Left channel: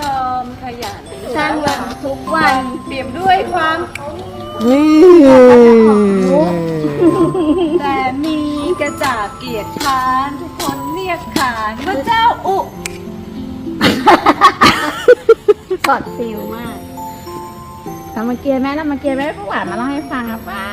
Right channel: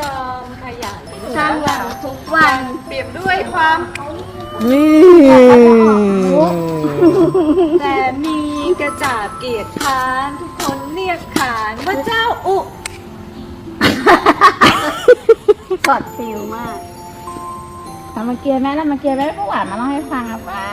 จอมขยันสร้างวันทุกวัน เปรียบด้วยความรู้แต่มีกระจาบเกียรติคานทุกคนเรียกขานพระเจ้าอุกอบฟิลมากรามาเกียร์ไหมเรามาเกียร์ไหมผู้หวานมาเล่าให้ฟังอะป้า